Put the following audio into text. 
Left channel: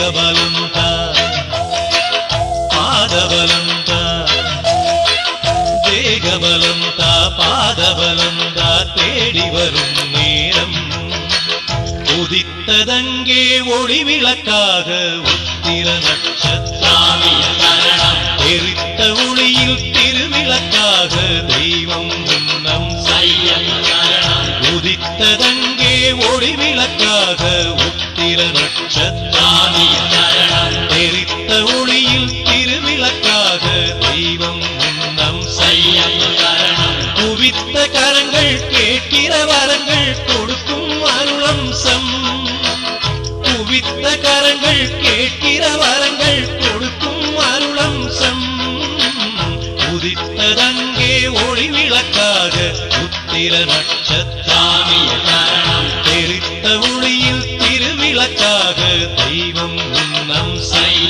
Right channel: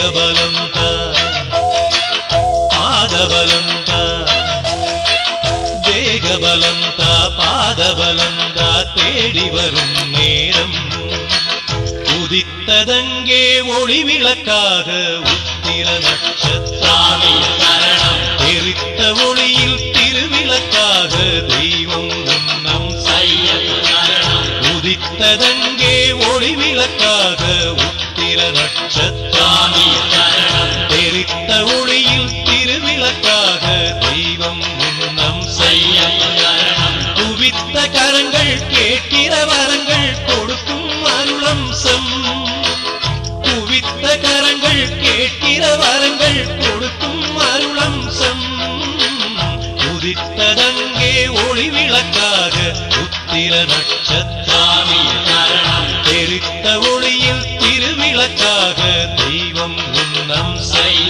தேகபலந்தா பாதபலந்தா தேகபலந்தா பாதபலந்தா தேடி வரும் நேரம் உதித்ததங்கே ஒளி விளக்காக உத்திர நட்சத்திரம் எரித்த ஒளியில் திருவிளக்காக தெய்வம் உன்னம் உதித்ததங்கே ஒளி விளக்காக உத்திர நட்சத்திரம் எரித்த ஒளியில் திருவிளக்காக தெய்வம் உன்னம் குவித்த கரங்கள் கேட்கிற வரங்கள் கொடுக்கும் அருளம்சம் குவித்த கரங்கள் கேட்கிற வரங்கள் கொடுக்கும் அருளம்சம் உதித்ததங்கே ஒளி விளக்காக உத்திர நட்சத்திரம் தெரித்த ஒளியில் திருவிளக்காக தெய்வம் உன்னம் செல்ல